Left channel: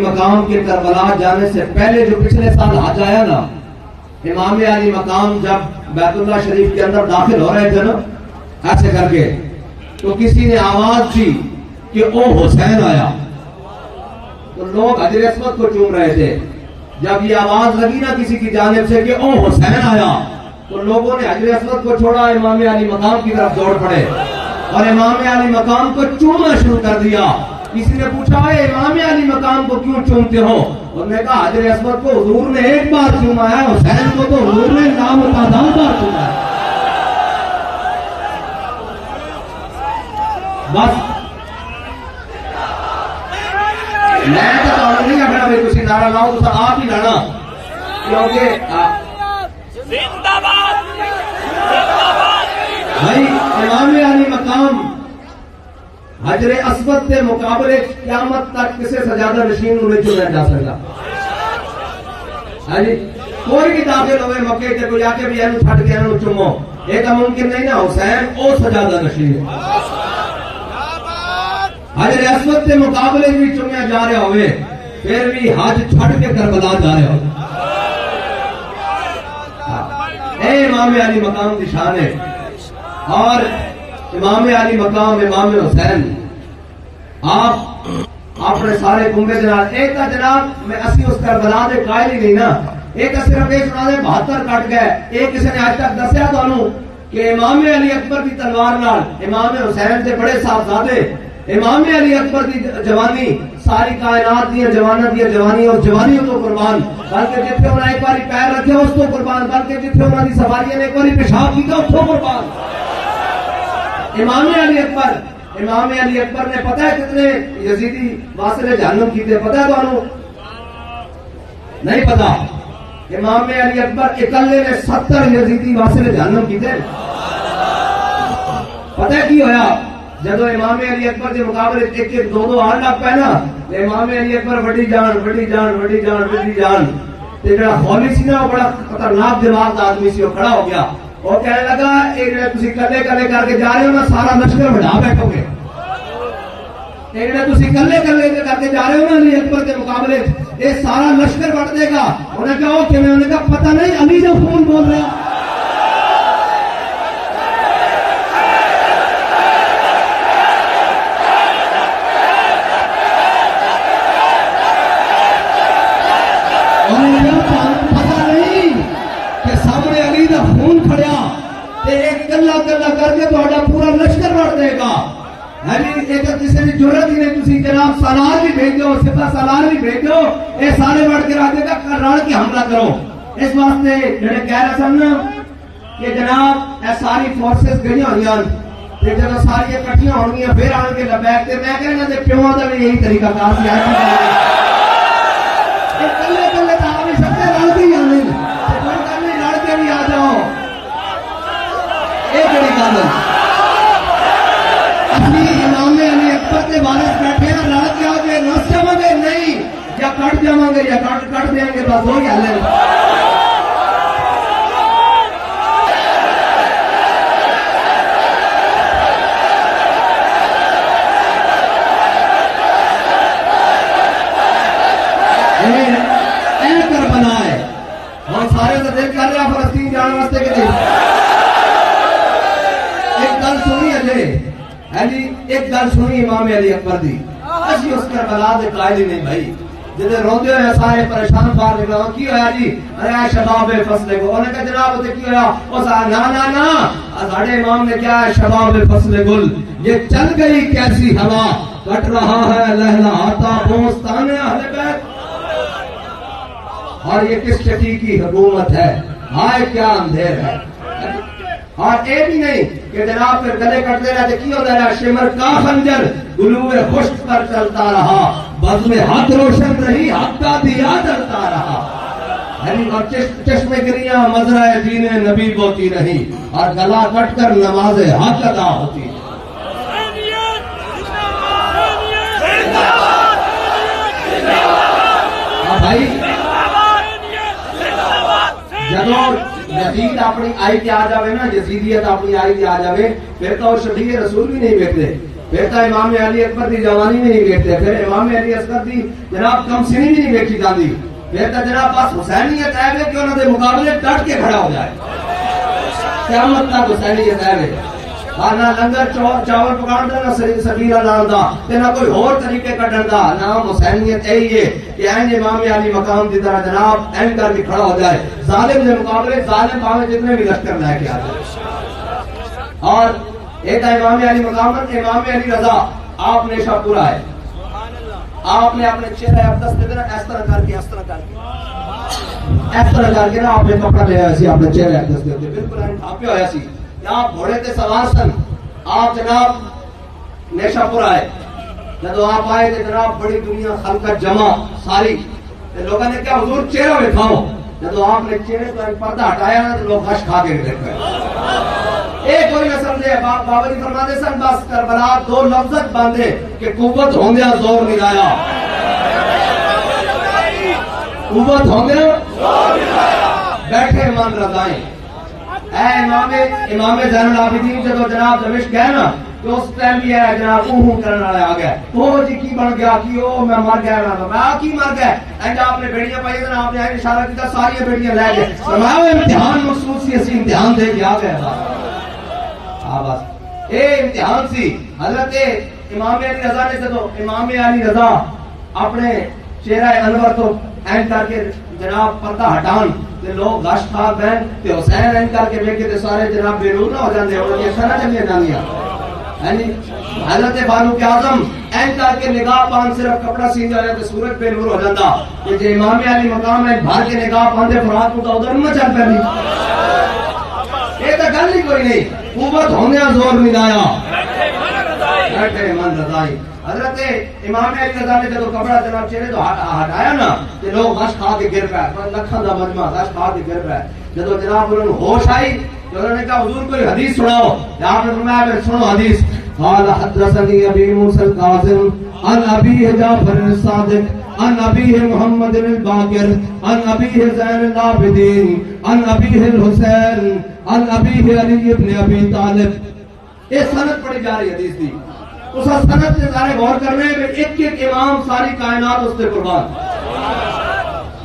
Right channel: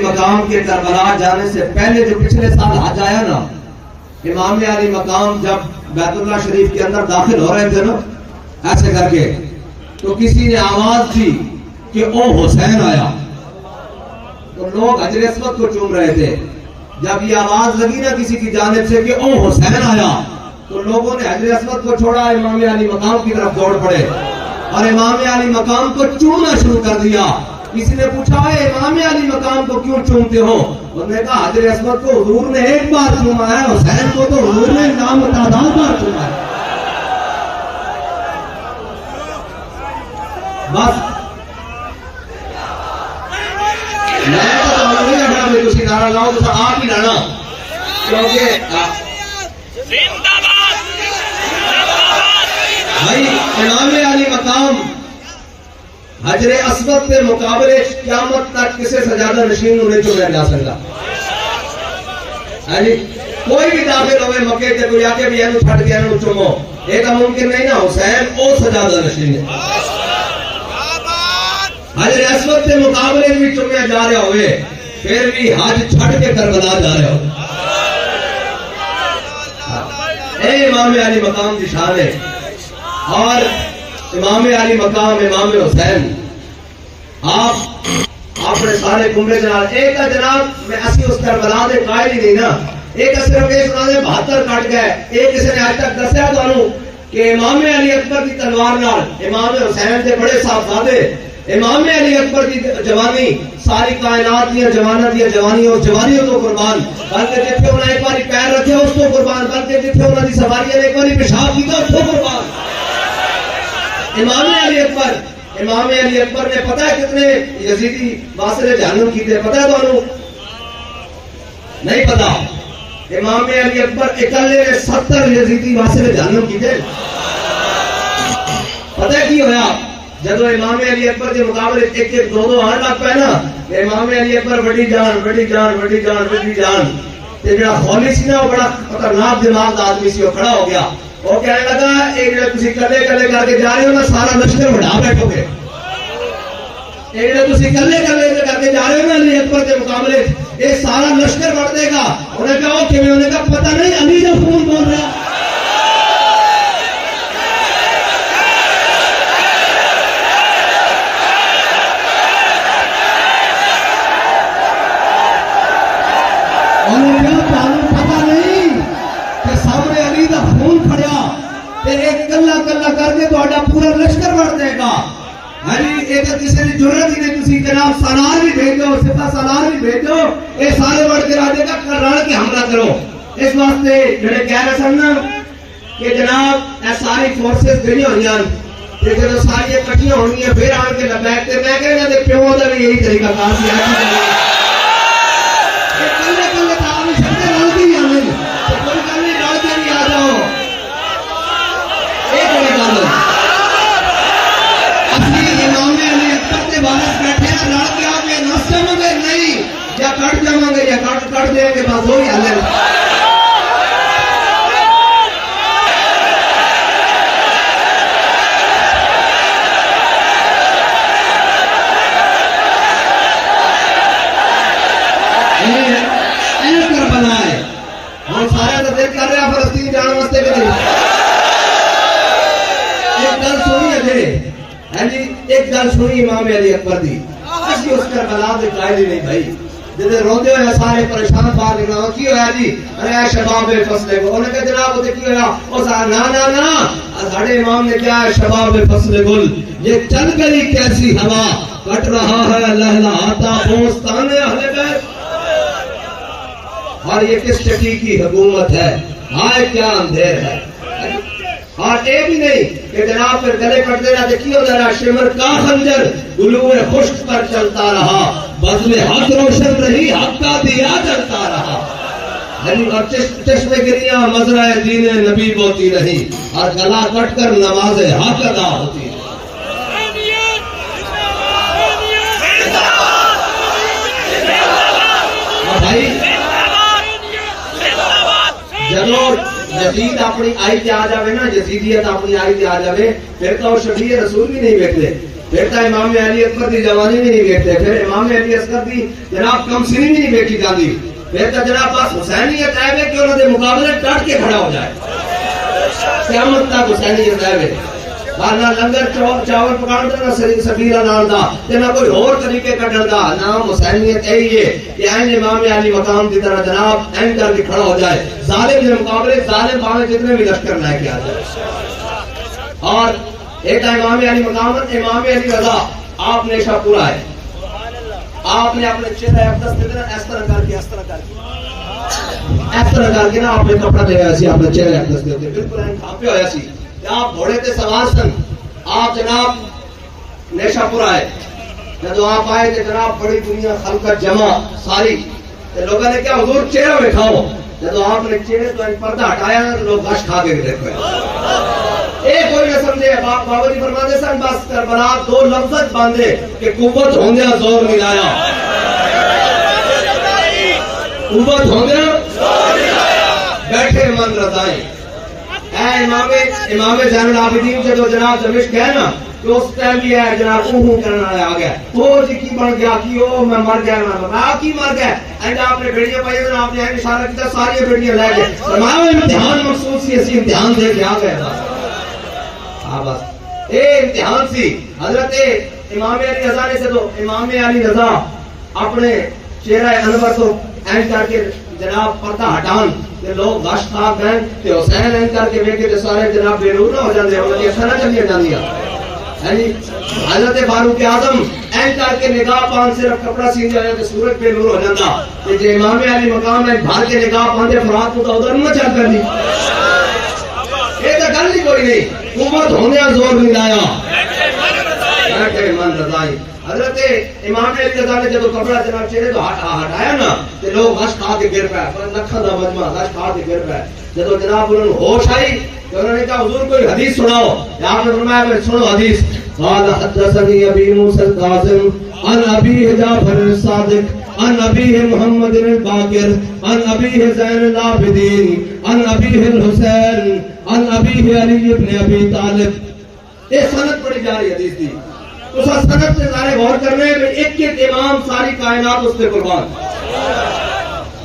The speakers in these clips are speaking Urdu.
مقام کے کربلا جانے سے پہلے جو پچھلے سال حج آیا نا، امام علی مقام جب بیت اللہ شریف کے اندر داخل ہو رہے تھے نا ایسے کر کے، تو کسی نے آواز دی کہ او حسین آیا، تو لوگ حجر اسود کو چوم رہے تھے۔ جب یہ آواز لگی نا کسی کی جانب سے کہ او حسین آیا، تو لوگوں نے حجر اسود کو چھوڑا، امام علی مقام کی طرف دوڑ پڑے اور امام علی مقام کو چومنا شروع کر دیا۔ کسی نے پوچھا ہے امام علی مقام کو کیوں چومتے ہو؟ انہوں نے کہا حجر اسود کو حضور نے ایک بار چوما ہے، حسین کو تو حضور نے لامتعداد بار چوما ہے۔ بس میں تو نہیں اٹھا رہے، تھی نعرہ لاؤ تو آپ ہی لانا، کیونکہ بھائی امام علی مقام حجر اسود کے مقابلے قیامت تک کسے سجادہ نشین انہیں چنیا جا سکتا۔ کوئی بھی داخل ہوئے مکے تے کوئی آکے بھی اینو چھٹ کے اینو چمو، ایک ممکن نہیں نا، حسین او سجادہ نشین ہے۔ حجر اسود کے مقابلے بھی چنیا جا رہے ہوئے، پھر بھی حج چھٹ کے کربلا جا رہے ہو۔ اے امام علی مقام کی شان ہے، اور امام علی مقام امام حسین آپ نے سارے کنبے جناب ایک کا جناب میں اسی اس کربلا دے قائل ہی نہیں نا، ایک صرف یہ سنا دے 72 کٹ گئے، ایک کسی نے آج تک دسیا تانوں کہ امام علی اکبر کی تلوار نال امام حسین دے بڑے صاحبزادے، امام علی اکبر کی جوانی ساری کائنات کی جوانی اور جوانیوں تو قربان، بلکہ جتنے انہیں ایک باری پیر رکھے اس کو قربان، بلکہ جتنے انہیں دی سواریاں نے ایک باری پیشاب کیتا اس کو قربان۔ امام علی اکبر نے پتہ ہے کتنے یزیدی واصل جہنم کیتے، پتہ ہے تو نہیں پتہ؟ امام علی اکبر اکلے نے 70 یزیدی واصل جہنم کیتے۔ پتہ ہے کی ہویا؟ جدو امام علی اکبر کے مقابلے ایک ایک دو دو آن لگ پائے نا، امام علی اکبر بڑی جان تے جڑا خولی سی نا وہ بڑا خطرناک دماغ دا آدمی سی، وہ کھڑا ہو گیا اور کہنے لگا ایک جڑا تسی کلے کر کے جا رہے ہو نا سارا لشکر بڑھا بیٹھو گے، ایک جڑا تسی کلے کر کے جا رہے ہو نا علی اکبر کے مقابلے یہ سارا لشکر بڑھ دے گا۔ انہیں کہا کہ میں انہیں کہا پتہ نہیں علی جو فون بول رہا۔ کلا کر کے تو پورا لشکر بڑھ دے گا۔ ایک کسی نے جرت ہی نہیں، تسی جناب سالار بھی بھیجو، سپاہ سالار بھی بھیجو، یہ سارے بڑھ کے راجے کا رل کے حملہ کرو۔ اس واسطے جڑے کہہ رہے سن نا کہ جناب اے ساری فورسز گئی ہوئی ہیں، جب ساری اکٹھیاں ہونی ہیں پھر آن کے لبیک تے میں کہنا تے پیوں دا بھی یہی طریقہ کار کیا ہے۔ کلے تا بھی سکتے رل کے ہی آنے، کوئی گل نہیں رل کے بھی آ جاؤ، ایک بڑی گل اسی امام علی اکبر کے وارث بیٹھے ہیں، رل کے آ کے نس جاؤں گے نہیں یا کٹ جاؤں گے یا کٹ دیں گے، بس وہی حل ہے۔ بنائے ہم سارے تو دل کر رہے ہیں فلسطین جانے واسطے کے لیے۔ ایک گل سنی ہے ایک گل سنی امام علی اکبر دی، اسی اس کربلا دے قائل ہی نہیں بھائی، جدے روندے ہوئے سارے پریشان باہر نکلا کی ہویا جی؟ ارے شباب فصل گل، انہوں نے کہا جناب وہ کی ہویا؟ وہ نا ساڑھے امام نے کیا ہے شباب فصل گل، یہ چل گئی کیسی ہوا، کٹ رہا ہے لہلہاتا بوستان اہل بیت، اور یہ کس چٹی کی حکومت ہے، ہائے کیا اندھیر ہے۔ اور یہ بھی نہیں کہ جناب پھر گلے کٹتے رہتے کی ہو رہا، شمر کا خنجر گلوئے خشک پر چلتا رہا، بزم حق روشن رہی، حق کا دیا جلتا رہا، اور چشم گریاں مزرعہ دین نبی بوتی رہی، اور گلا کٹ کر نماز حق ادا ہوتی ہے۔ بھائی جدو یزید اپنی آئی تے آ جاوے نا، یزیدیت اپنی آئی تے آ جاوے، پھر تو شفیع رسول بھی نہیں ویکھدے، پھر تو امام علی اکبر دی جوانی بھی نہیں دیکھتے، پھر امام علی اصغر دی جناب کم سنی بھی نہیں دیکھی جاتی، پھر تو جناب بس حسینیت ہے کہ انہوں نے مقابلے ڈٹ کے کھڑا ہو جائے، قیامت تک حسینیت ہے نہ لنگر چاول پکاؤ دا، نہ سبیلا نال دا، تے نہ کوئی اور طریقے کڈن دا، نام حسینیت یہی ہے کہ این امام علی مقام دی طرح جناب این کر کے کھڑا ہو جائے، ظالم کے مقابلے ظالم پاوے جتنے بھی لشکر لے کے آ جائے۔ اور ایک امام علی مقام ہے، امام علی رضا آپ نے شاہ پورا ہے، آپ نے اپنے چہرے اقدس پہ نا اس طرح کر کے اس طرح کر کے نا آپ نے کپڑا لے آیا سی اپنے چہرے اقدس پہ بالکل این کھاپے ہویا سی، آپ گھوڑے تے سوار سن، آپ جناب نیشا پور آئے، جب آپ آئے کہ جناب بڑی دنیا خلقت جمع ساری، تو لوگوں نے کیا حضور چہرہ دکھاؤ، جب آپ نے چہرے تو پردہ ہٹایا نا تو لوگ غش کھا کے دیکھ پائے، ایک کوئی نہ سمجھے، بابا جی فرماتے سن بس کربلا دو لفظت باندھے کہ قوت ہوندیا زور ملایا، قوت ہوندیا بیٹھے من رضائی۔ اے امام زین العابدین جدو جناب دمشق گئے نا تو اس ٹائم بھی ہے جناب کرنے والے آ گئے، وہ جی کی بن گیا کی او میں مر گیا نا میں کی مر گیا، اینڈ آپ نے بیڑیاں پائی نا آپ نے اشارہ کیا ساری بیڑیاں لے گئے، فرمایا امتحان مخصوص سی اسی امتحان دے کے آ گئے ہاں بس اے امتحان سی۔ حضرت امام علی رضا نے جدو امام علی رضا اپنے چہرہ انور تو اینڈ کر کے جناب پردہ ہٹان تے لوگ غش کھا گئے تے حسین این کر کے ویکھے تے سارے جناب بے نور نہ ہو جاندے، انہاں دی اکھاں نہ چلیاں جاندیاں، یعنی حضرت فاروق اعظم این کر کے نگاہ پان صرف کپڑا سی جایا تے سورج بے نور ہو جاندا، تے جے امام علی مقام ہے بھر کے نگاہ پاندے فرات کو ادھر نہ چل پندی، یہ تے گل ہی کوئی نہیں، قوت ہوندیاں زور ملایا بیٹھے من رضائی۔ حضرت امام علی رضا نے جب کپڑا جناب چہرے تو ہٹایا نا تے لوگ غش کھا کے گر پئے، لکھاں دا مجمع غش کھا کے گر پئے، جب جناب انہوں نے ہوش آئی تو انہوں نے کہا حضور کوئی حدیث سناؤ، آپ نے فرمایا سنو حدیث، قال حدثني ابي موسى الكاظم عن ابي جعفر الصادق عن ابي محمد الباقر عن ابي زين العابدين عن ابي الحسين عن ابي علي بن ابي طالب۔ یہ سند پڑھی جا رہی حدیث دی، اس سند سے سارے غور کرنے میں ایک ایک امام ساری کائنات اس پہ قربان،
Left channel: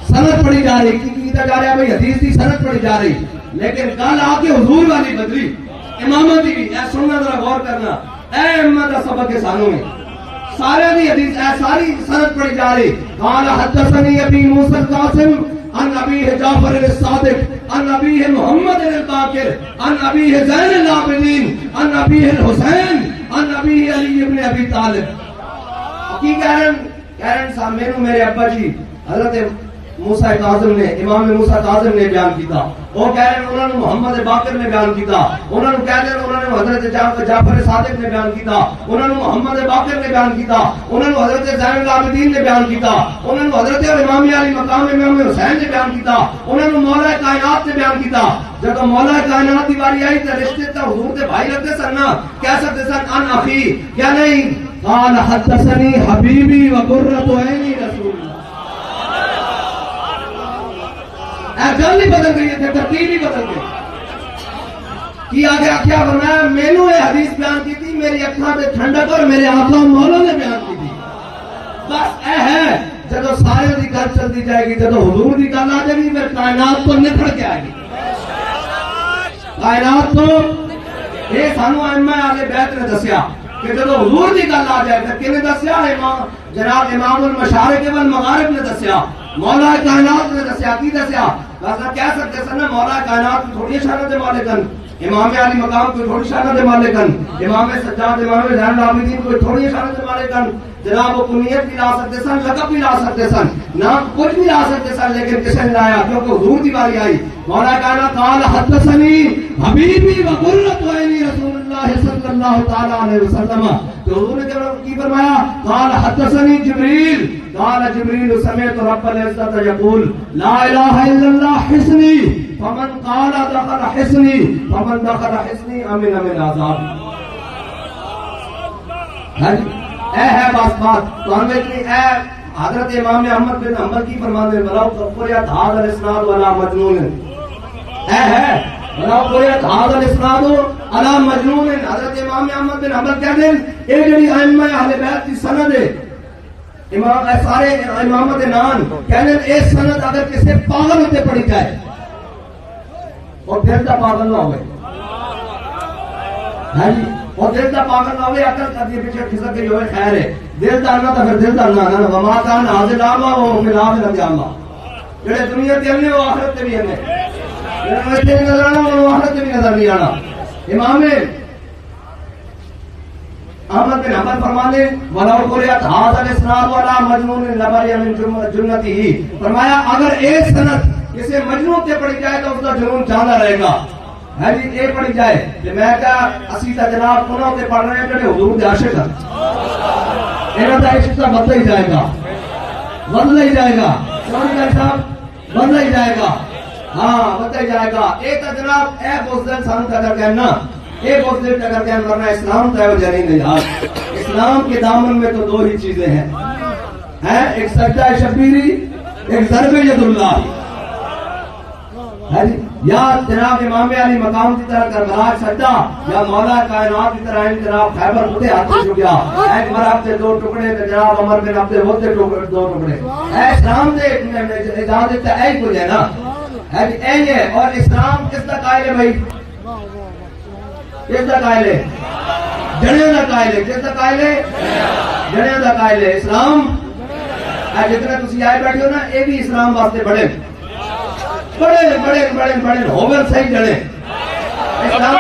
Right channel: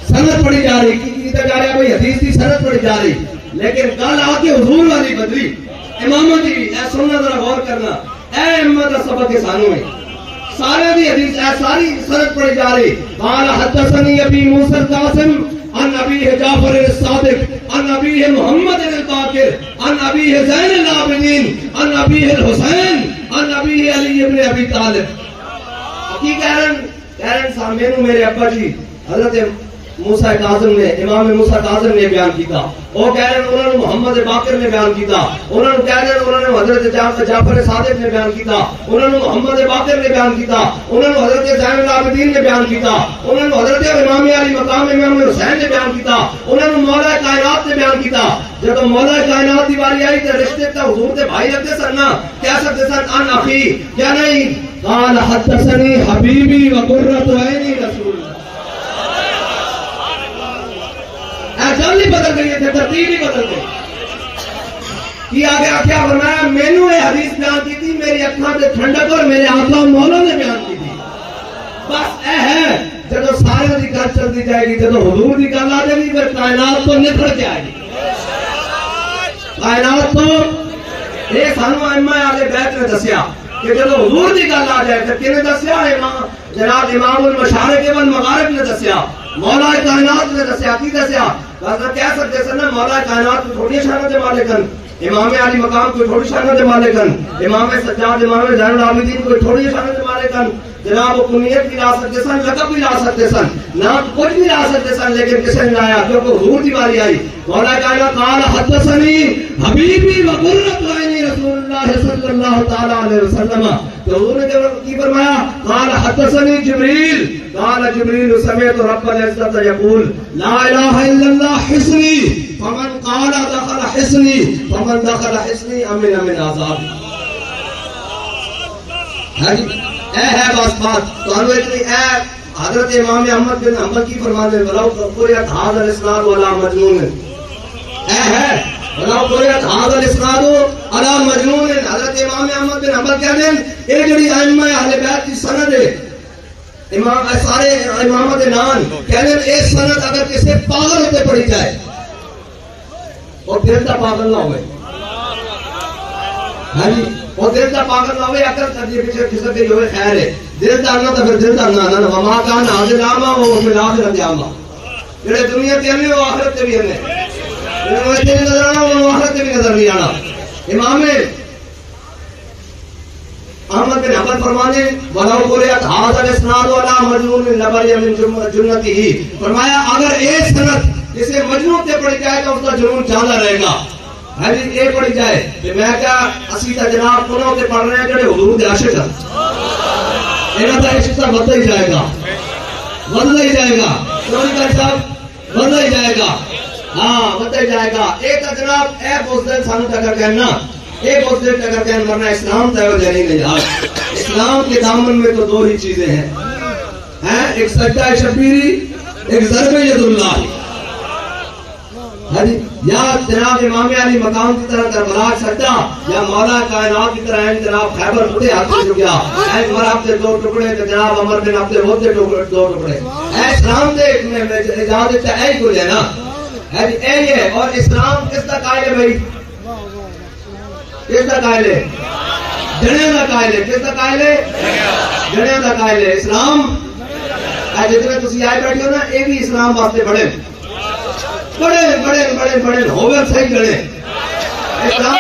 سند پڑھی جا رہی کی جا رہا ہے بھائی حدیث کی سند پڑھی جا رہی، لیکن کل آ کے حضور والی بدلی اماموں دی اے سننا ذرا غور کرنا، اے امت دا سبق کے سانوں میں سارے دی حدیث اے ساری سند پڑھی جا رہی۔ قال حدثني ابي موسى القاسم عن ابي جعفر الصادق عن ابي محمد الباقر عن ابي زين العابدين عن ابي الحسين عن ابي علي بن ابي طالب۔ کی کہہ رہے ہیں صاحب میرے ابا جی حضرت موسیٰ کاظم نے، امام موسیٰ کاظم نے بیان کیتا، وہ کہہ رہے ہیں انہوں نے محمد باقر نے بیان کیتا، انہوں نے کہہ رہے ہیں انہوں نے حضرت جعفر صادق نے بیان کیتا، انہوں نے محمد باقر نے بیان کیتا، انہوں نے حضرت زین العابدین نے بیان کیتا، انہوں نے حضرت امام علی مقام امام حسین نے بیان کیتا، انہوں نے مولا کائنات نے بیان کیتا۔ جب مولا کائنات کی باری آئی تو رشتے کا حضور کے بھائی لگتے سن نا، کہہ سکتے سن ان اخی یا نہیں، قال حدثني حبیبی وقرۃ عینی رسول اللہ۔ جل نہیں بدل گئی تھے، ترتیب ہی بدل گئی، کی آگے کیا فرمایا، مینوں یہ حدیث بیان کی تھی، میری اکھاں تے ٹھنڈک اور میرے آقا مولا نے بیان کی تھی، بس اے ہے جب سارے دی گل چلتی جائے گی، جب حضور دی گل آ جائے گی پھر کائنات تو نکھڑ کے آئے گی، کائنات تو یہ سانو ائمہ اہل بیت نے دسیا کہ جب حضور دی گل آ جائے پھر کنے دسیا، امام جناب امام المشارق والمغارب نے دسیا، مولا کائنات نے دسیا، کی دسیا، بس کہہ سکتے سن مولا کائنات کو تھوڑی شانہ دے مالکن، امام علی مقام کو تھوڑی شانہ دے مالکن، امام سجاد امام زین العابدین کو تھوڑی شانہ دے مالکن، جناب وہ کنیت بھی لا سکتے سن، لقب بھی لا سکتے سن، نام کچھ بھی لا سکتے سن، لیکن کسے نے لایا کیونکہ حضور کی باری آئی، مولا کائنات قال حدثني حبیبی وقرۃ عینی رسول اللہ صلی اللہ تعالی علیہ وسلم، تو حضور نے کی فرمایا، قال حدثني جبریل قال جبریل سمعت رب العزت یقول لا الہ الا اللہ حسنی فمن قال دخل حسنی فمن دخل حسنی امن من عذاب۔ اے ہے بات تو ہم اتنی اے حضرت امام احمد بن حنبل کی فرمانے بلاؤ قریت هذا الاسناد ولا مجنون، اے ہے بلاؤ قریت هذا الاسناد ولا مجنون، حضرت امام احمد بن حنبل کہتے ہیں یہ جڑی ائمہ اہل بیت کی سند ہے امام سارے امامت نان کہنے اے سند اگر کسی پاگل ہوتے پڑھی جائے اور دل دا پاگل نہ ہوئے ہاں جی اور دل دا پاگل نہ ہوئے اگر تک یہ پیچھے کھسک گئی ہوئے خیر ہے دل دا نہ تو پھر دل دا نہ وما کان حاضر آما وہ فی الآخر انجاما جڑے دنیا کے انے وہ آخرت بھی انے وہ اتنے نظر آنا وہ آخرت بھی نظر نہیں آنا امام احمد بن حنبل فرمانے ولو قرئت ھذا الاسناد ولا مجنون لبر من جنته فرمایا اگر ایک سند جسے مجنون تے پڑھی جائے تو اس کا جنون چاہتا رہے گا ہاں جی یہ پڑھی جائے کہ میں کہا اسی تا جناب کنوں تے پڑھ رہے ہیں جڑے حضور دے عاشق ہیں انہاں دا عشق تا بدل ہی جائے گا بدل ہی جائے گا سوری صاحب بدل ہی جائے گا ہاں بدل ہی جائے گا ایک تا جناب اے بزدل سانو تک کہنا ایک وقت دیکھ کر کے مرنا اسلام تیو جانی نہیں آج اسلام کے دامن میں تو دو ہی چیزیں ہیں ایک سجدہ شبیری ایک ضرب ید اللہ یا جناب امام علی مقام کی طرح کربلا سجدہ یا مولا کائنات کی طرح جناب خیبر بھٹے ہاتھ سے گیا ایک مراب دے دو ٹکڑے تو جناب عمر بن عبد الوہاب دے دو ٹکڑے اے اسلام دے اجازت دیتا ہے کوئی ہے نا اے ہے اور اسلام کس کا قائل ہے بھائی کس کا قائل ہے جنیاں دا قائل ہے کس کا قائل ہے جنیاں دا قائل ہے اسلام آج جتنے تسی آئے بیٹھے ہو نا اے بھی اسلام واسطے بڑے بڑے بڑے بڑے بڑے ہوگل صحیح جنے اسلام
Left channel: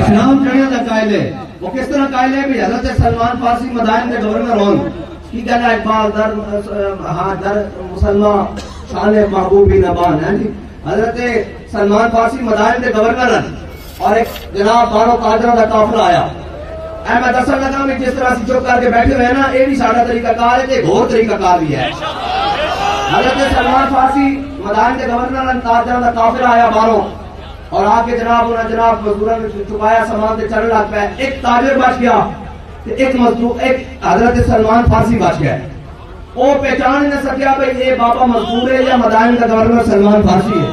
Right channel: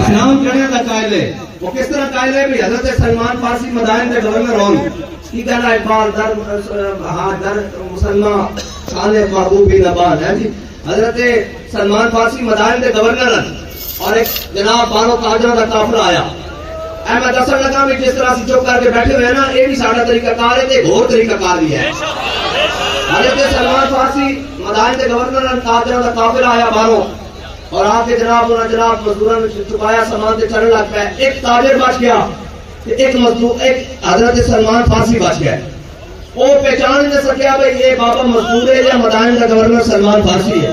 اسلام جڑے دا قائل ہے وہ کس طرح قائل ہے بھی حضرت سلمان فارسی مدائن کے گورنر ہون کی کہنا اقبال در مسلمان صالح محبوبی نبان ہے جی حضرت سلمان فارسی مدائن کے گورنر ہیں اور ایک جناب بانو تاجرہ دا قافلہ آیا میں دسن لگا میں جس طرح سے چپ کر کے بیٹھے ہوئے نا یہ بھی ساڑھا طریقہ کار ہے ایک اور طریقہ کار بھی ہے حضرت سلمان فارسی مدائن کے گورنر تاجرہ دا قافلہ آیا بانو اور آ کے جناب انہوں نے جناب مزدوراں نے چکایا سامان تے چلن لگ پیا ایک تاجر بچ گیا ایک مزدور ایک حضرت سلمان فارسی بچ گیا وہ پہچان نہ سکیا بھائی یہ بابا مزدور ہے یا مدائن کا گورنر سلمان فارسی ہے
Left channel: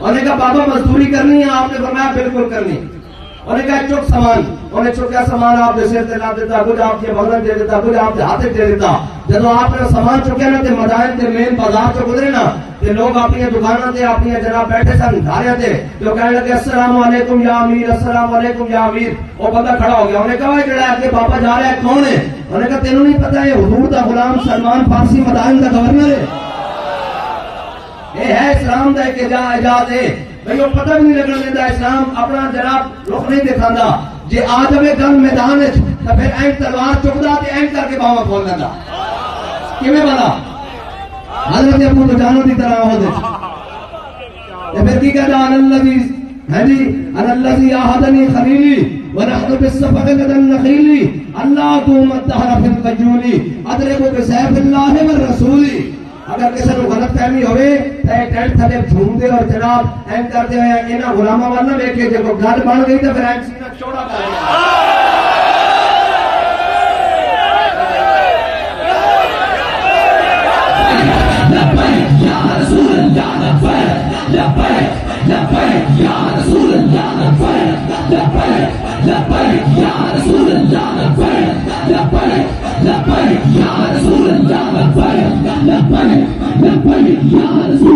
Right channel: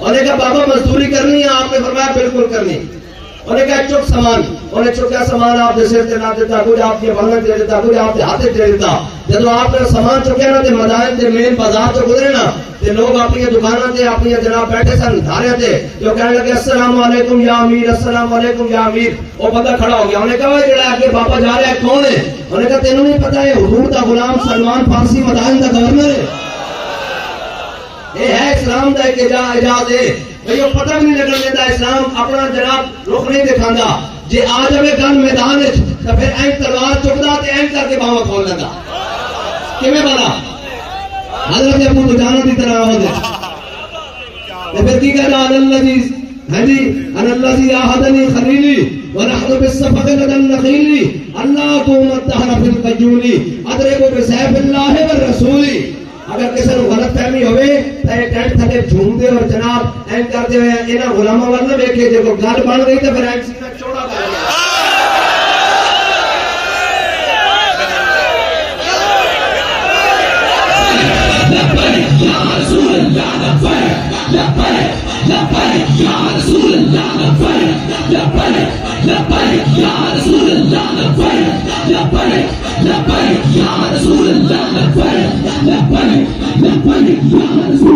انہوں نے کہا بابا مزدوری کرنی ہے آپ نے فرمایا بالکل کرنی انہوں نے کہا چک سامان انہوں نے چکیا سامان آپ نے سر تے نہ دیتا کچھ آپ کے بھگن دے دیتا کچھ آپ کے ہاتھ دے دیتا جب آپ نے سامان چکے نا تے مدائن تے مین بازار چ گزرے نا تے لوگ اپنی دکانوں تے اپنی جناب بیٹھے سن دھارے تے جو کہنے لگے السلام علیکم یا امیر السلام علیکم یا امیر وہ بندہ کھڑا ہو گیا انہوں نے کہا جڑا ہے کہ بابا جا رہا ہے کون ہے انہوں نے کہا تینوں نہیں پتہ ہے حضور دا غلام سلمان فارسی مدائن دا گورنر ہے یہ ہے اسلام دا ایک اعجاز ہے بھئی وہ پتہ بھی نہیں لگنے دیتا اسلام اپنا جناب رخ نہیں دکھاندا جے آ جاوے گن میدان وچ تے پھر این تلوار چکدا تے این کر کے باواں کھول لیندا کیویں بلا حضرت ابو دجانہ دی طرح ہو دے تے پھر کی کہدا الذی ہاں جی الذی احدنی خلیلی ونحن بالصفق لدى النخيل اللہ تو متحر فی القیولی ادرکو بسیف اللہ والرسول اگر کسی کو غلط فہمی ہوئے تو ایک ٹینٹ تھلے جھوم دے اور جناب این کر دے انہاں غلامہ ورنہ دیکھے جو گل بن گئی تو پھر این سینہ چوڑا کر دیا لبیک یا رسول اللہ لبیک لبیک لبیک یا رسول اللہ لبیک لبیک لبیک یا رسول اللہ لبیک لبیک لبیک یا رسول اللہ لبیک لبیک لبیک یا رسول